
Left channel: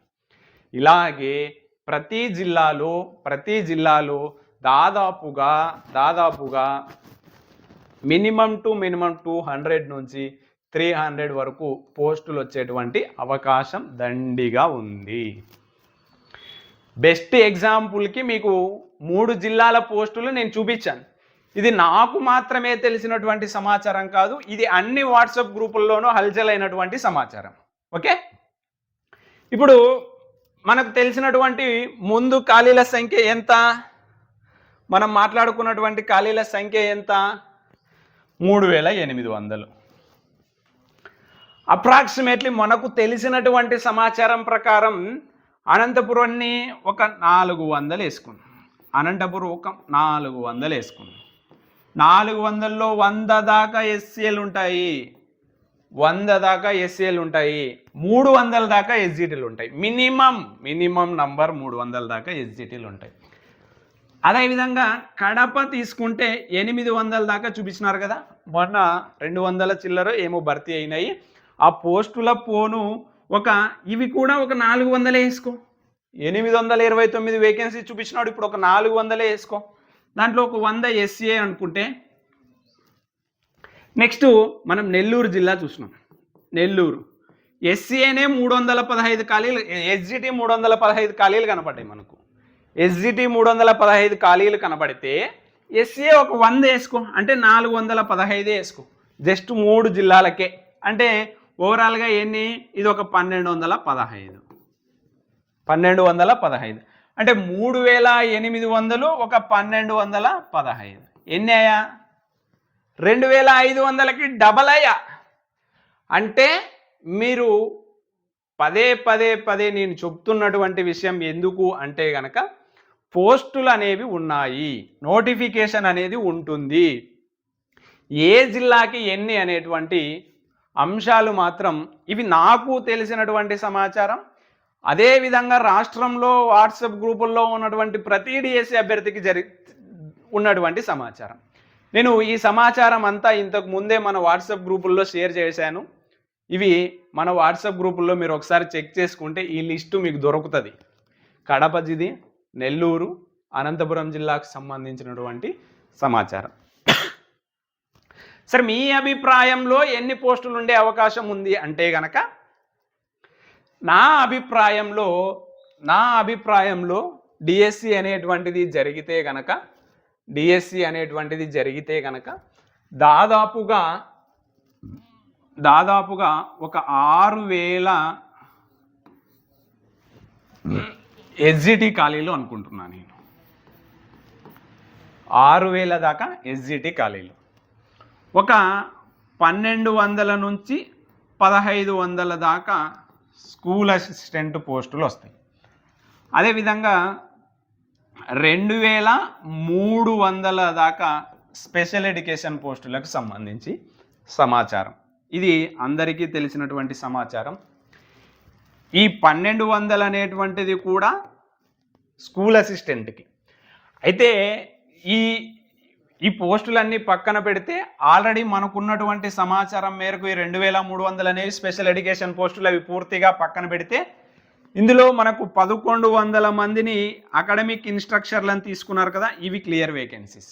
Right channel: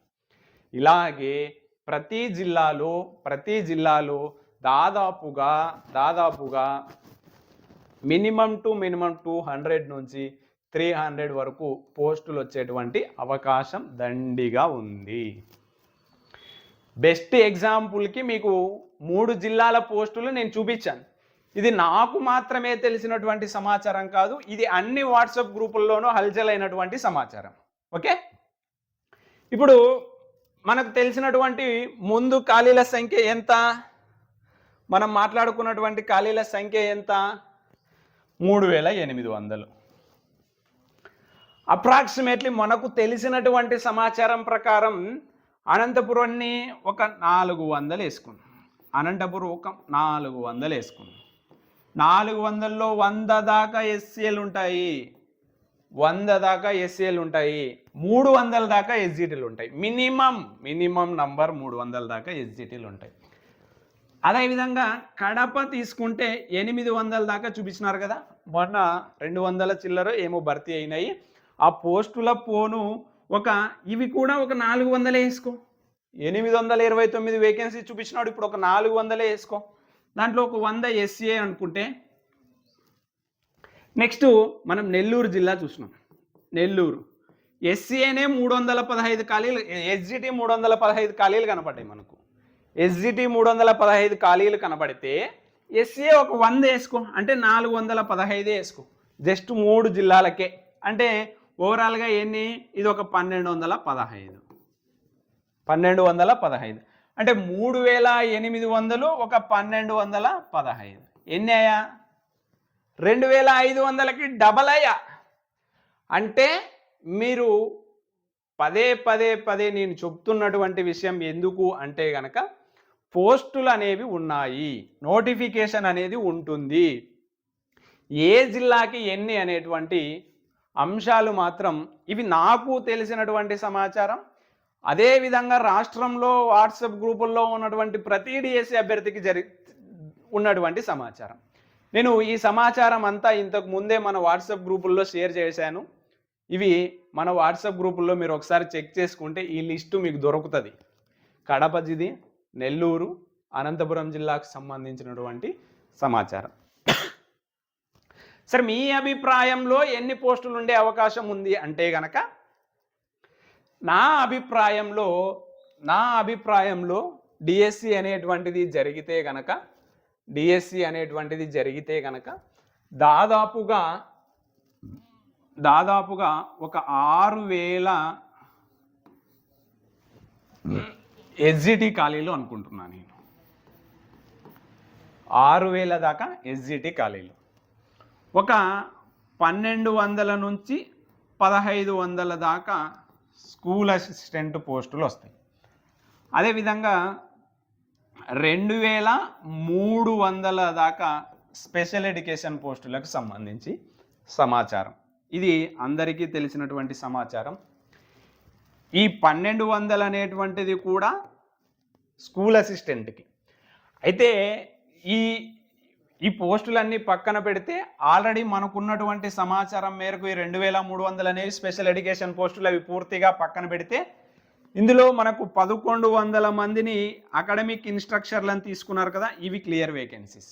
ఇలాగే ప్రతి జిల్లాలో ప్రతి జిల్లాలో దాదాపుగా దాదాపుగా minimum two minimum two hundred నుంచి త్రీ హండ్రెడ్ వరకు పోస్టులు వచ్చేటువంటి అవకాశం దండిగా ఉంది. బెస్ట్ ఎగ్జాంపుల్కి మీకు మూడు జిల్లాల పోస్టులు నేను చూపించాను. ఇది నాకు మాత్రమే తెలిసినటువంటి సమాచారం కాదు ఇది అన్ని వాట్సాప్ గ్రూపుల్లోనూ హల్చల్ అయినటువంటి సమాచారం. ఓకే? ఇప్పుడు మనకు తెలిసినటువంటి ముందు ఖాళీల సంఖ్య ఎంత? మనం మాట్లాడుకున్నటువంటి ఖాళీల సంఖ్య ఎంత? మూడు వేల ఎనిమిది వందలు. అప్రాక్సిమేట్లీ మనకు తెలిసినటువంటి సమాచారం ప్రకారం అనంతపురాన్ని ఒక నాలుగు వందలు వేసుకున్నాం. అనంతపురం ఒక నాలుగు వందలు వేసుకున్నాం. నాలుగు వందల్లో వంద దాకా ఎస్సీలు ఉంటాయి. వంద దాకా ఎస్సీలు ఉంటాయి. మూడు వందల దాకా ఎస్జిటీలు ఉంటాయి. మినిమం మినిమం నంబర్ మూడు వందల దాకా ఎస్జిటీలు ఉంటాయి. అదేవిధంగా కడప తీసుకుంటే ఎనిమిది వందల దాకా చూపించినారు కదా. మొన్న రెండు వందల చిల్లర ఏమో భర్తీ అయినాయి. ఆ పోస్టుల పోను ఒక ఇవి కూడా ఒక నాలుగు వందలే వేసుకో. ఎనిమిది వందల ఇరవై తొమ్మిది వేకెన్సీ చూపించినాడు. ఇప్పుడు ఒక నాలుగు వందలే వేసుకో. దాంట్లో ఒక వంద ఎస్సీఏ అనుకుంటే నెక్స్ట్ మనం నెల్లూరు జిల్లా చూసినాం. నెల్లూరు. ఎస్సీఏనే మూడు వందల పదహైదు ఖాళీలు ఎస్జిటి మూడు వందల పదహైదు ఖాళీలు కనపడ్డాయి మనకు. ఎస్జిటి మూడు వందల పదహైదు ఖాళీలు కనబడితే ఎస్సీఏ ఒక వంద వేసుకో. అంటే నాలుగు వందల పదహైదే వేసుకో. జస్ట్ మూడు జిల్లాలకే. అంటే ఓవరాల్గా ఎన్ని? ఇది ఒక పన్నెండు వందల పదహైదు. పన్నెండు వందల పదహైదు. అంటే మూడు వేల ఎనిమిది వందలు ఒక పన్నెండు వందల పదహైదు. ఎన్ని అయ్యా? రెండు వేల ఐదు వందలకి డబల్ అయ్యా. అంటే మీరు పదే పదే పదే నేను చెప్తున్నటువంటి విషయం ఎందుకు అంటే గనక పోస్టులు అనేవి ఉన్నాయి. నోటిఫికేషన్ అనేది ఉంటుంది. ఏ జిల్లాకి ఎన్ని అనేటువంటి అంశాలు మాత్రం ఇవి నాకు తెలిసినటువంటి సమాచారం. అదేవిధంగా రాష్ట్రంలో వాట్సాప్ గ్రూపుల్లో ఉన్నటువంటి ప్రతి డిఎస్సి అభ్యర్థికి జరి ఉన్నటువంటి సమాచారం. నేను ఈ సమాచారం అంతా ఇంతకు ముందే మన వాట్సాప్ గ్రూపుల్లో షేర్ చేశాను. ఇవి మన వాట్సాప్ గ్రూపుల్లో మీరు ఒకసారి చెక్ చేసుకుంటే ఈ లిస్టు మీకు దొరుకుతుంది. కడప జిది నెల్లూరు అనంతపురం జిల్లాకు సంబంధించినటువంటి సమాచారం. సరే మీ అభిప్రాయంలో ఎన్ని పోస్టులు ఉండే అవకాశం ఉంది అంటే గనక నా అభిప్రాయంలో నా అభిప్రాయంలో డిఎస్సి అనేటువంటిది జరిగితే గనక డిఎస్సి అనేటువంటిది జరిగితే గనక దాదాపుగా దాదాపుగా ఒక ఆరు వేల ఎస్జిటి ఖాళీలు అనుకుంటున్నాను నేను. ఆరు వేల దాకా ఎస్జిటి ఖాళీలు. ఒక పన్నెండు వందల నుంచి పదహైదు వందల దాకా స్కూల్ అసిస్టెంట్ పోస్టులు వస్తాయి. అదేవిధంగా రెండు వేల మూడు వందల దాకా స్పెషల్ ఎడ్యుకేషన్ పోస్టులకు సంబంధించి సమాచారం. ఇది అందరికీ తెలిసినటువంటి సమాచారం. ఈ పన్నెండు వందలు అనేటువంటిది కూడా స్కూల్ అసిస్టెంట్కి. అయితే ఈ ఈ పోస్టులన్నీ పక్కన పెడితే ఆల్రెడీ మనకున్నటువంటి సమాచారం మేరకు ఈ రెండు వేల మూడు వందలు అనేవి స్పెషల్ ఎడ్యుకేషన్ పోస్టులు అవి పూర్తిగా పక్కన పెడితే ఇందులో మనకు పదకొండు వందల మందిని అకాడమిక్ ఇన్స్ట్రక్చర్లను తీసుకున్నారు కదా ఇవి క్లియర్ వేకెన్సీస్.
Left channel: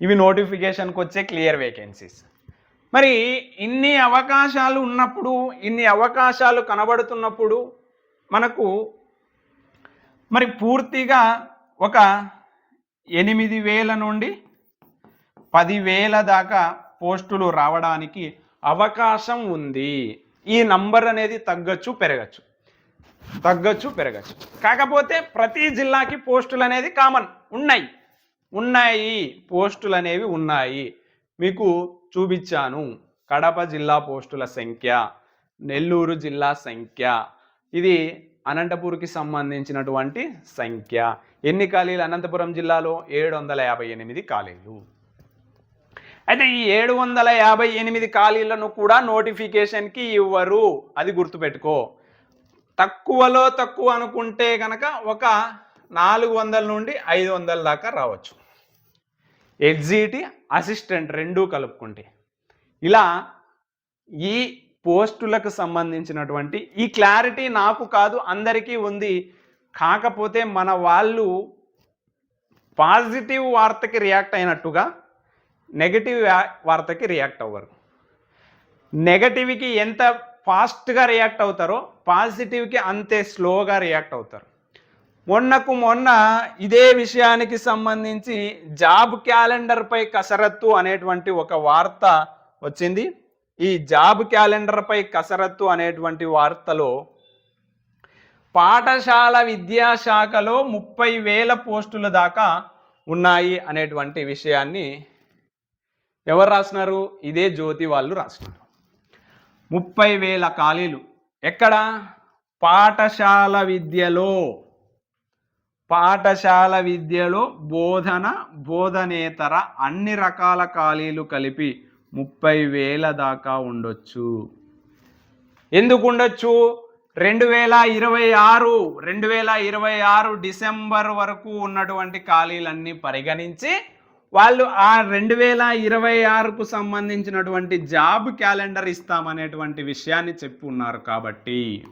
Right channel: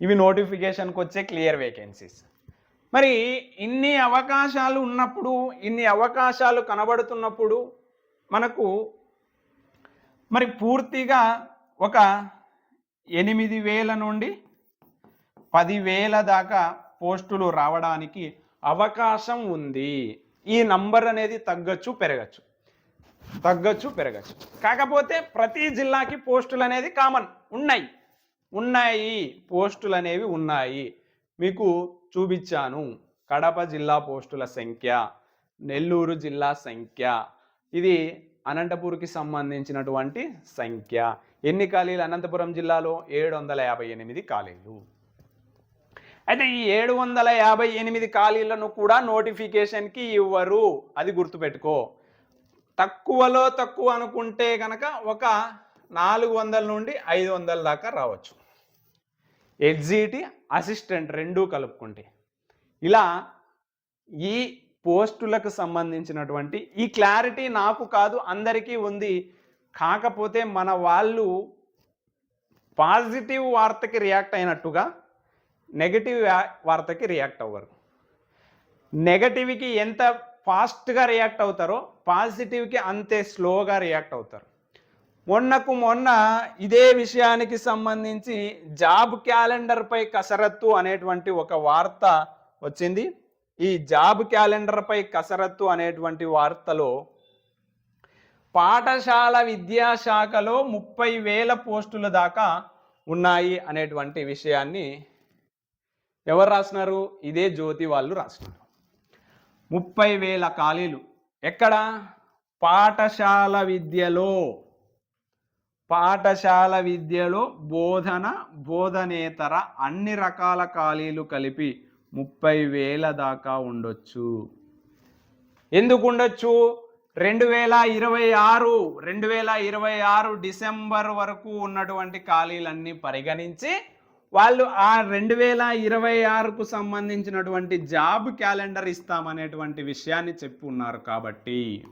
ఇవి నోటిఫికేషన్కి వచ్చే క్లియర్ వేకెన్సీస్. మరి ఇన్ని అవకాశాలు ఉన్నప్పుడు ఇన్ని అవకాశాలు కనబడుతున్నప్పుడు మనకు మరి పూర్తిగా ఒక ఎనిమిది వేల నుండి పదివేల దాకా పోస్టులు రావడానికి అవకాశం ఉంది. ఈ నంబర్ అనేది తగ్గచ్చు పెరగచ్చు. తగ్గచ్చు పెరగచ్చు. కాకపోతే ప్రతి జిల్లాకి పోస్టులు అనేది కామన్. ఉన్నాయి. ఉన్నాయి. పోస్టులు అనేవి ఉన్నాయి. మీకు చూపించాను. కడప జిల్లా పోస్టుల సంఖ్య నెల్లూరు జిల్లా సంఖ్య ఇది అనంతపూర్కి సంబంధించినటువంటి సంఖ్య. ఎన్ని ఖాళీలు? అనంతపురం జిల్లాలో ఏడు వందల యాభై ఎనిమిది ఖాళీలు. అయితే ఈ ఏడు వందల యాభై ఎనిమిది ఖాళీలను కూడా నోటిఫికేషన్కి ఇవ్వరు. అది గుర్తుపెట్టుకో. తక్కువలో తక్కువ అనుకుంటే కనుక ఒక నాలుగు వందల నుండి ఐదు వందల దాకా రావచ్చు. ఎగ్జిటి అసిస్టెంట్ రెండూ కలుపుకుంటే. ఇలా ఈ పోస్టులకు సంబంధించినటువంటి ఈ క్లారిటీ నాకు కాదు అందరికీ ఉంది. కాకపోతే మన వాళ్ళు పాజిటివ్ వార్తకి రియాక్ట్ అయినట్టుగా నెగటివ్ వార్తకి రియాక్ట్ అవ్వరు. నెగటివ్కి ఎంత ఫాస్ట్గా రియాక్ట్ అవుతారో పాజిటివ్కి అంతే స్లోగా రియాక్ట్ అవుతారు. మొన్నకు మొన్న ఇదే విషయానికి సంబంధించి జాబ్ క్యాలెండర్పై కసరత్తు అనేటువంటి ఒక వార్త వచ్చింది. ఈ జాబ్ క్యాలెండర్పై కసరత్తు అనేటువంటి వార్తలో పాఠశాల విద్యాశాఖలో ముప్పై వేల పోస్టుల దాకా ఉన్నాయి అనేటువంటి విషయాన్ని ఎవరు రాసినారు? ఇదే జ్యోతి వాళ్ళు రాసినారు. ముప్పై వేల ఖాళీలు. ఎక్కడ? పాఠశాల విద్యలో. పాఠశాల విద్యలో బోధన బోధనేతర అన్ని రకాల ఖాళీలు కలిపి ముప్పై వేల దాకా ఉండొచ్చు. ఎందుకు ఉండొచ్చు రెండు వేల ఇరవై ఆరు రెండు వేల ఇరవై ఆరు డిసెంబర్ వరకు ఉన్నటువంటి ఖాళీలన్నీ పరిగణించి వాళ్ళు ఆ రెండు వేల ఇరవై ఆరుకు సంబంధించినటువంటి జాబ్ క్యాలెండర్ ఇస్తామనేటువంటి విషయాన్ని చెప్పి ఉన్నారు కాబట్టి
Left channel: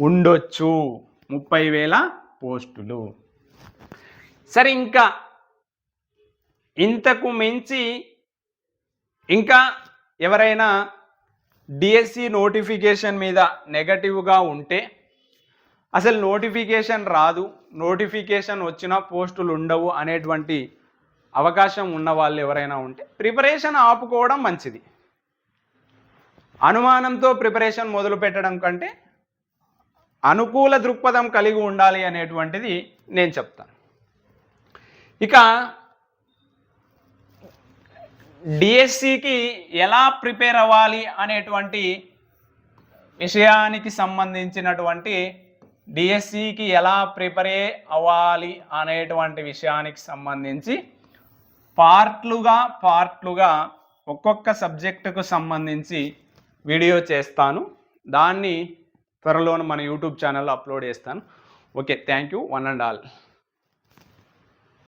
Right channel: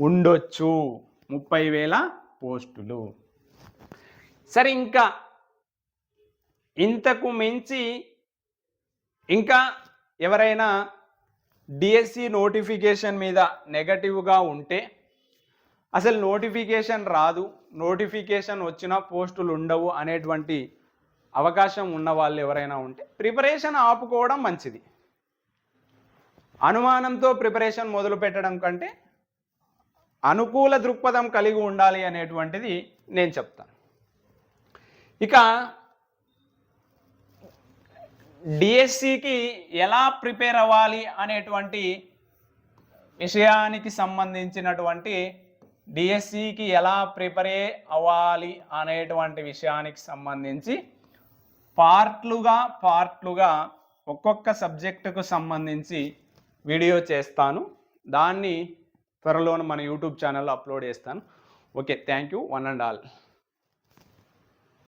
ఉండొచ్చు. ముప్పై వేల పోస్టులు. సరే ఇంకా ఇంతకు మించి ఇంకా ఎవరైనా డిఎస్సి నోటిఫికేషన్ మీద నెగటివ్గా ఉంటే అసలు నోటిఫికేషన్ రాదు నోటిఫికేషన్ వచ్చిన పోస్టులు ఉండవు అనేటువంటి అవకాశం ఉన్న వాళ్ళు ఎవరైనా ఉంటే ప్రిపరేషన్ ఆపుకోవడం మంచిది. అనుమానంతో ప్రిపరేషన్ మొదలు పెట్టడం కంటే అనుకూల దృక్పథం కలిగి ఉండాలి అనేటువంటిది నేను చెప్తాను. ఇక డిఎస్సికి ఎలా ప్రిపేర్ అవ్వాలి అనేటువంటి విషయానికి సంబంధించినటువంటి డిఎస్సికి ఎలా ప్రిపేర్ అవ్వాలి అనేటువంటి విషయానికి సంబంధించి పార్ట్లుగా పార్ట్లుగా ఒక్కొక్క సబ్జెక్టుకు సంబంధించి వీడియో చేస్తాను. దాన్ని త్వరలో మన యూట్యూబ్ ఛానల్లో అప్లోడ్ చేస్తాను. Okay thank you one and all.